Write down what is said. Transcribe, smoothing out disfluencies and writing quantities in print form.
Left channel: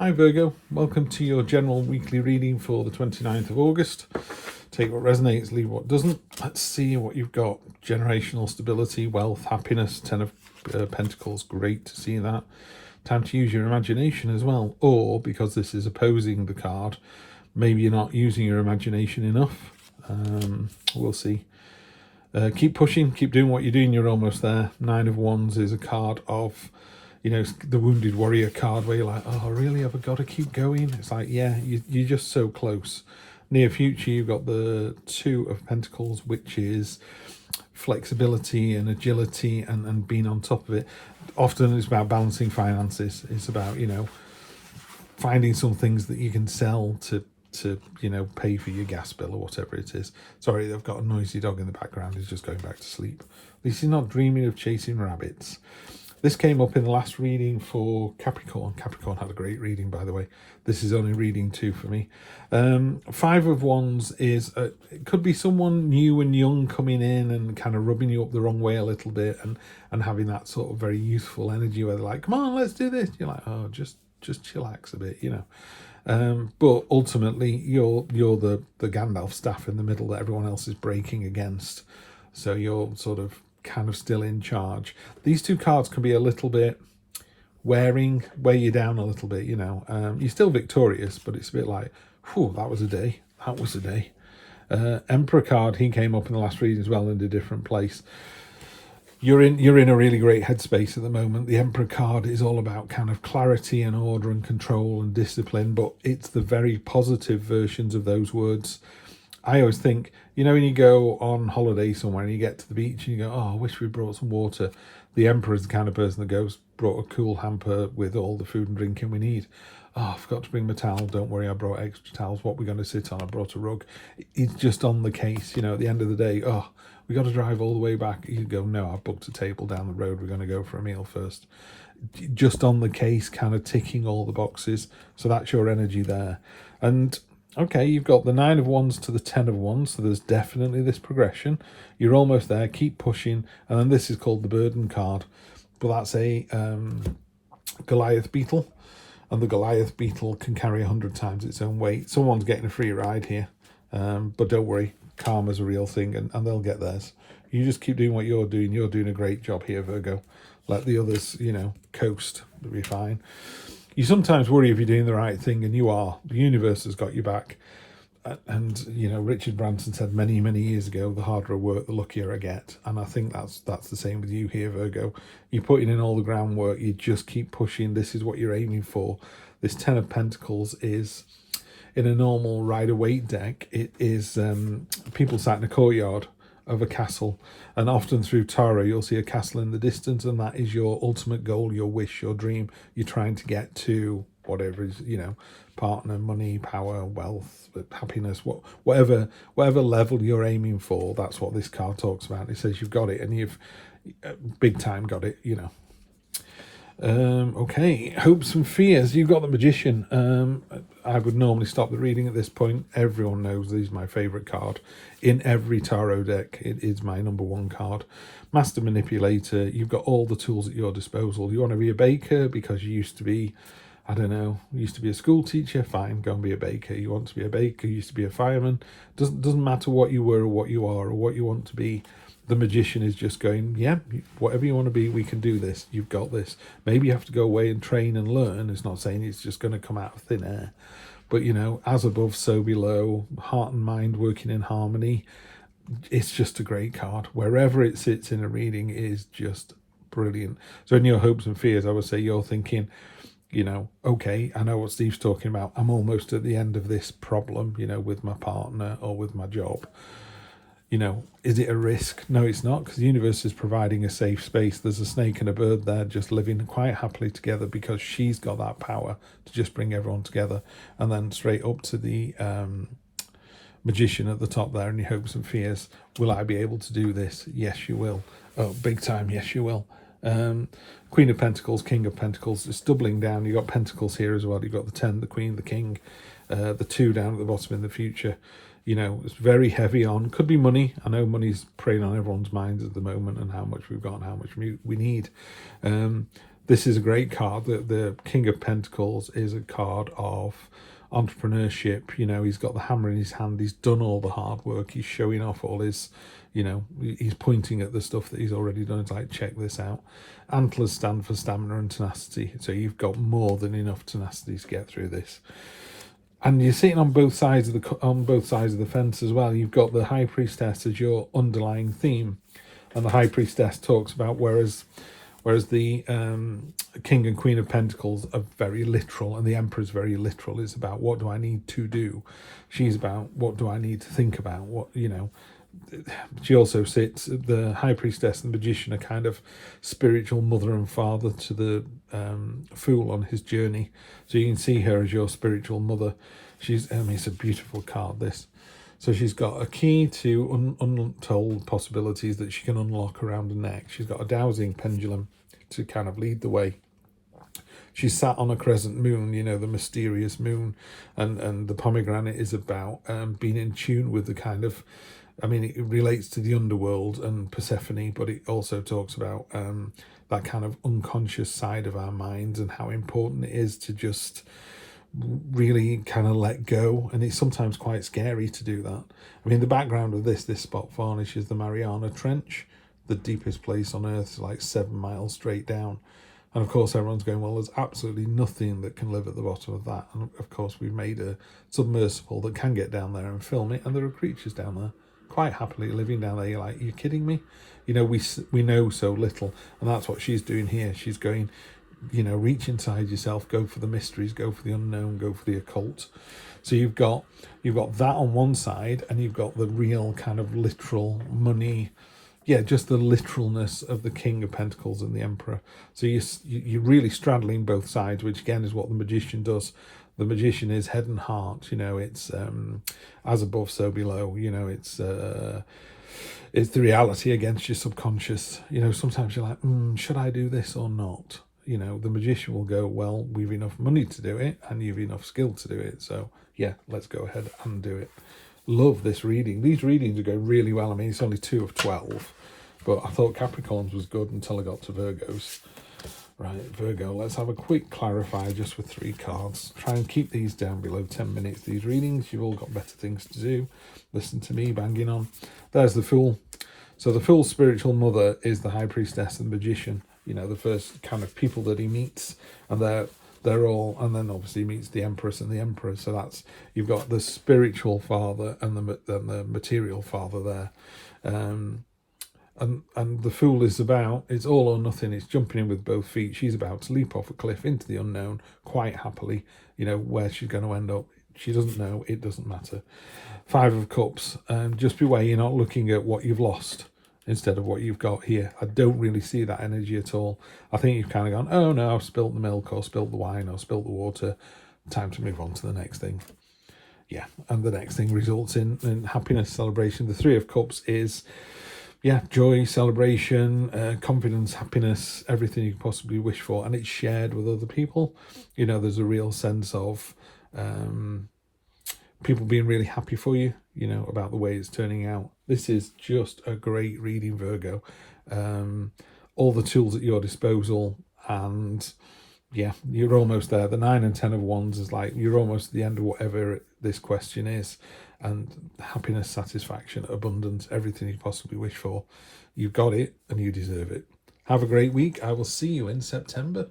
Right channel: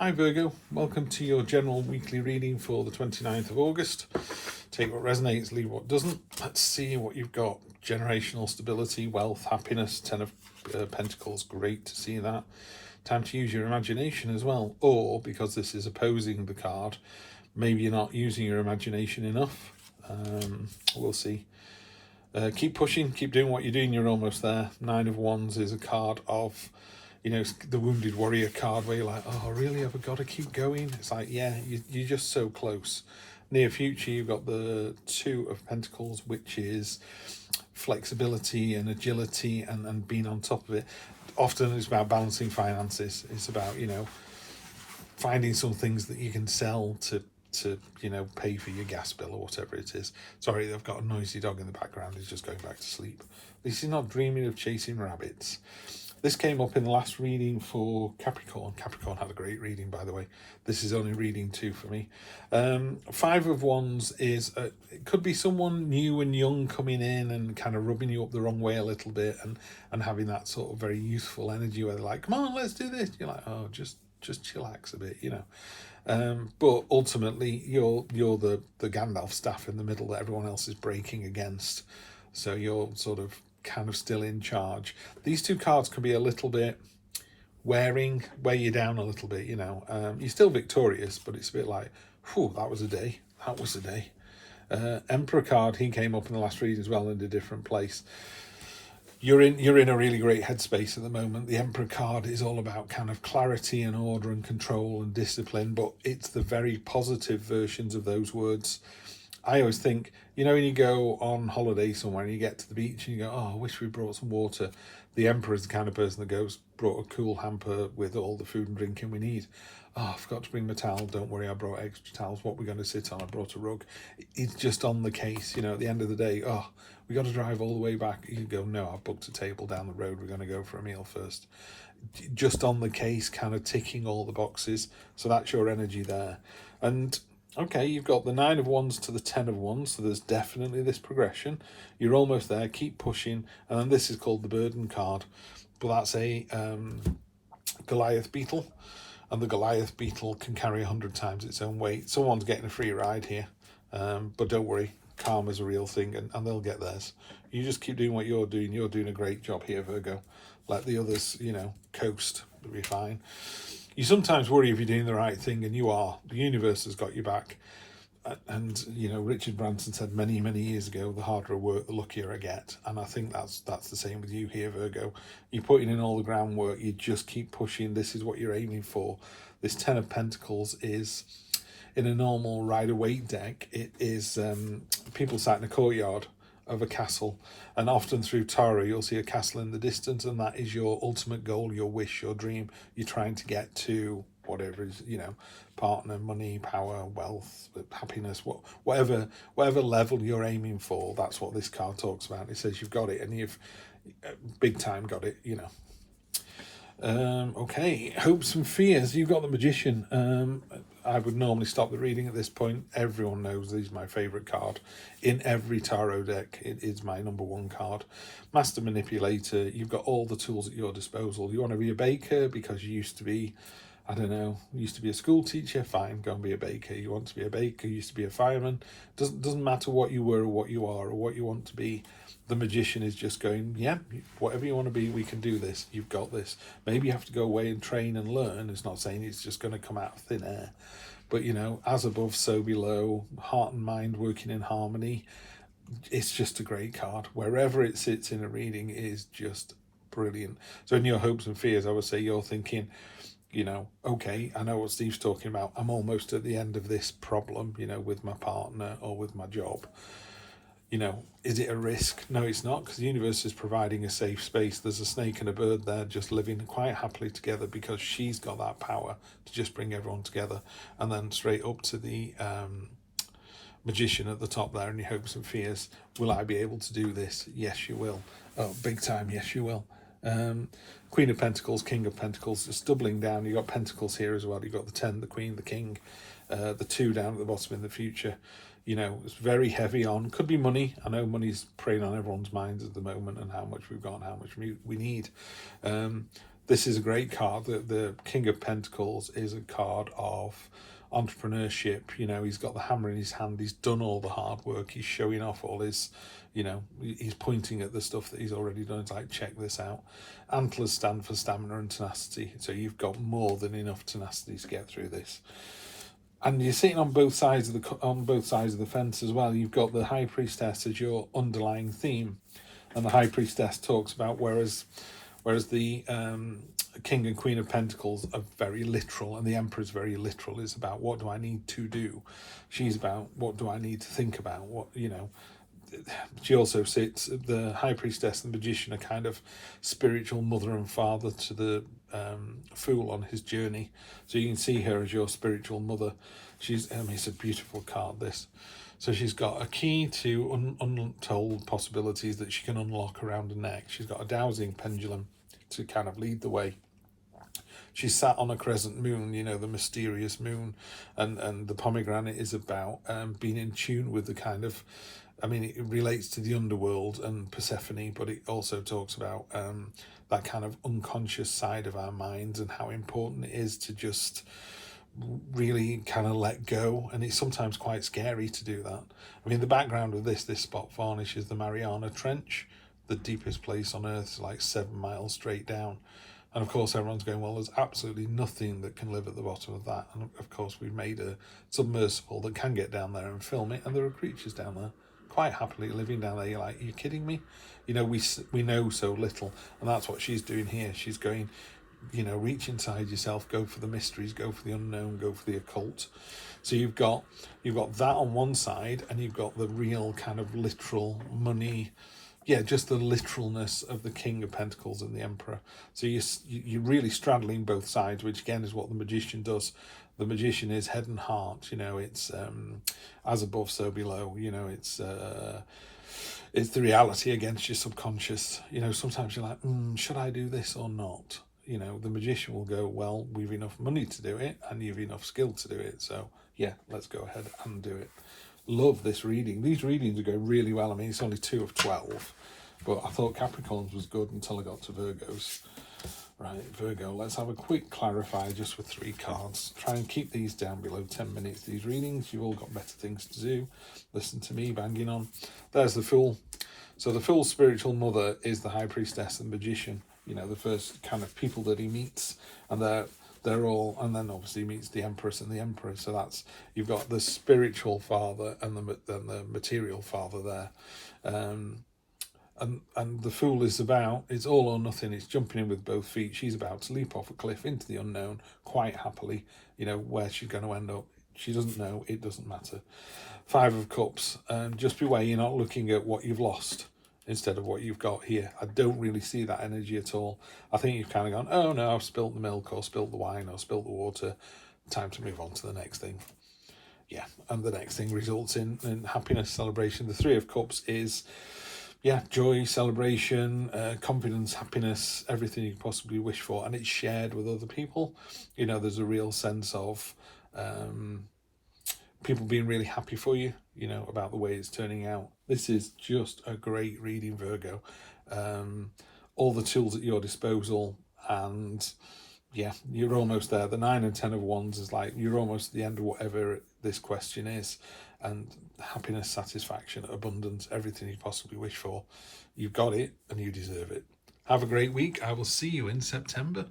Hi Virgo, welcome to your general weekly reading for the 29th of August. Take what resonates, leave what doesn't. Let's see what you've got. Generational stability, wealth, happiness, Ten of Pentacles, great to see that. Time to use your imagination as well, or because this is opposing the card, maybe you're not using your imagination enough. We'll see. Keep pushing, keep doing what you're doing, you're almost there. Nine of Wands is a card of, you know, the Wounded Warrior card where you're like, oh, really, have I got to keep going? It's like, yeah, you're just so close. Near future, you've got the Two of Pentacles, which is flexibility and agility and being on top of it. Often it's about balancing finances. It's about, you know, finding some things that you can sell to you know, pay for your gas bill or whatever it is. Sorry, I've got a noisy dog in the background. He's just going back to sleep. At least he's not dreaming of chasing rabbits. This came up in the last reading for Capricorn. Capricorn had a great reading, by the way. This is only reading 2 for me. Five of Wands is, it could be someone new and young coming in and kind of rubbing you up the wrong way a little bit and having that sort of very youthful energy where they're like, come on, let's do this. You're like, oh, just chillax a bit, you know. But ultimately, you're the Gandalf staff in the middle that everyone else is breaking against. So you're sort of kind of still in charge. These two cards can be a little bit wear you down a little bit, you know. You're still victorious, but it's a bit like, whew, that was a day. That was a day. Emperor card, he came up in the last reading as well in a different place. You're in a really great headspace at the moment. The Emperor card is all about kind of clarity and order and control and discipline, but it's the very positive versions of those words. I always think, you know, when you go on holiday somewhere and you get to the beach and you go, oh, I wish we brought some water. The Emperor is the kind of person that goes, brought a cool hamper with all the food and drinking we need. Oh, I forgot to bring my towel. Don't worry, I brought extra towels. What we're going to sit on, I brought a rug. It's just on the case, you know, at the end of the day, oh, we got to drive all the way back. You go, no, I've booked a table down the road. We're going to go for a meal first. Just on the case, kind of ticking all the boxes. So that's your energy there. And okay, you've got the 9 of Wands to the 10 of Wands, so there's definitely this progression. You're almost there, keep pushing. And then this is called the Burden card, but that's a Goliath beetle, and the Goliath beetle can carry 100 times its own weight. Someone's getting a free ride here, but don't worry, karma's a real thing, and they'll get theirs. You just keep doing what you're doing. You're doing a great job here, Virgo. Let the others, you know, coast. It'll be fine. You sometimes worry if you're doing the right thing, and you are. The universe has got you back. And, you know, Richard Branson said many, many years ago, the harder I work, the luckier I get. And I think that's the same with you here, Virgo. You're putting in all the groundwork. You just keep pushing. This is what you're aiming for. This 10 of Pentacles is, in a normal Rider-Waite deck, it is people sat in a courtyard of a castle. And often through tarot, you'll see a castle in the distance, and that is your ultimate goal, your wish, your dream. You're trying to get to whatever is, you know, partner, money, power, wealth, happiness, whatever level you're aiming for. That's what this card talks about. It says you've got it, and you've big time got it, you know. Okay, hopes and fears. You've got the Magician. I would normally stop the reading at this point. Everyone knows this is my favourite card. In every tarot deck, it is my #1 card. Master Manipulator. You've got all the tools at your disposal. You want to be a baker because you used to be, I don't know, you used to be a school teacher, fine, go and be a baker. You want to be a baker, you used to be a fireman. Doesn't matter what you were or what you are or what you want to be. The Magician is just going, yeah, whatever you want to be, we can do this. You've got this. Maybe you have to go away and train and learn. It's not saying it's just going to come out of thin air. But, you know, as above, so below, heart and mind working in harmony. It's just a great card. Wherever it sits in a reading is just brilliant. So in your hopes and fears, I would say you're thinking, you know, okay, I know what Steve's talking about. I'm almost at the end of this problem, you know, with my partner or with my job. You know, is it a risk? No, it's not, because the universe is providing a safe space. There's a snake and a bird there just living quite happily together because she's got that power to just bring everyone together. And then straight up to the Magician at the top there, and your hopes and fears. Will I be able to do this? Yes, you will. Oh, big time. Yes, you will. Queen of Pentacles, King of Pentacles. It's doubling down. You've got Pentacles here as well. You've got the 10, the Queen, the King, the 2 down at the bottom in the future. You know, it's very heavy on, could be money. I know money's preying on everyone's minds at the moment and how much we've got and how much we need. This is a great card. The King of Pentacles is a card of entrepreneurship. You know, he's got the hammer in his hand. He's done all the hard work. He's showing off all his, you know, he's pointing at the stuff that he's already done. It's like, check this out. Antlers stand for stamina and tenacity. So you've got more than enough tenacity to get through this. And you're sitting on both sides of the fence as well. You've got the High Priestess as your underlying theme, and the High Priestess talks about whereas the King and Queen of Pentacles are very literal, and the Emperor's very literal. It's about, what do I need to do? She's about, what do I need to think about? What, you know. She also sits, the High Priestess and the Magician are kind of spiritual mother and father to the Fool on his journey. So you can see her as your spiritual mother. She's, it's a beautiful card, this. So she's got a key to untold possibilities that she can unlock around her neck. She's got a dowsing pendulum to kind of lead the way. She's sat on a crescent moon, you know, the mysterious moon, and the pomegranate is about being in tune with the kind of, I mean, it relates to the underworld and Persephone, but it also talks about that kind of unconscious side of our minds and how important it is to just really kind of let go. And it's sometimes quite scary to do that. I mean, the background of this spot varnish is the Mariana Trench, the deepest place on Earth, like 7 miles straight down. And of course, everyone's going, well, there's absolutely nothing that can live at the bottom of that. And of course, we've made a submersible that can get down there and film it, and there are creatures down there quite happily living down there. You're like, are you kidding me? You know, we know so little, and that's what she's doing here. She's going, you know, reach inside yourself, go for the mysteries, go for the unknown, go for the occult. So you've got that on one side, and you've got the real kind of literal money, yeah, just the literalness of the King of Pentacles and the Emperor. So you're really straddling both sides, which again is what the Magician does. The Magician is head and heart, you know, it's as above, so below, you know, it's the reality against your subconscious. You know, sometimes you're like, should I do this or not? You know, the Magician will go, well, we've enough money to do it, and you've enough skill to do it. So yeah, let's go ahead and do it. Love this reading. These readings are going really well. I mean, it's only 2 of 12, but I thought Capricorns was good until I got to Virgos. Right, Virgo, let's have a quick clarifier just with 3 cards. Try and keep these down below 10 minutes, these readings. You've all got better things to do. Listen to me banging on. There's the Fool. So the Fool's spiritual mother is the High Priestess and the Magician. You know, the first kind of people that he meets, and they're all, and then obviously he meets the Empress and the Emperor. So that's, you've got the spiritual father and the material father there. And the Fool is about, it's all or nothing. It's jumping in with both feet. She's about to leap off a cliff into the unknown quite happily. You know, where she's going to end up, she doesn't know. It doesn't matter. 5 of Cups. Just beware you're not looking at what you've lost instead of what you've got here. I don't really see that energy at all. I think you've kind of gone, oh no, I've spilt the milk or spilt the wine or spilt the water. Time to move on to the next thing. Yeah, and the next thing results in happiness, celebration. The 3 of Cups is, yeah, joy, celebration, confidence, happiness, everything you could possibly wish for, and it's shared with other people. You know, there's a real sense of people being really happy for you, you know, about the way it's turning out. This is just a great reading, Virgo. All the tools at your disposal, and yeah, you're almost there. The 9 and 10 of Wands is like, you're almost at the end of whatever this question is. And happiness, satisfaction, abundance, everything you possibly wish for. You've got it and you deserve it. Have a great week. I will see you in September.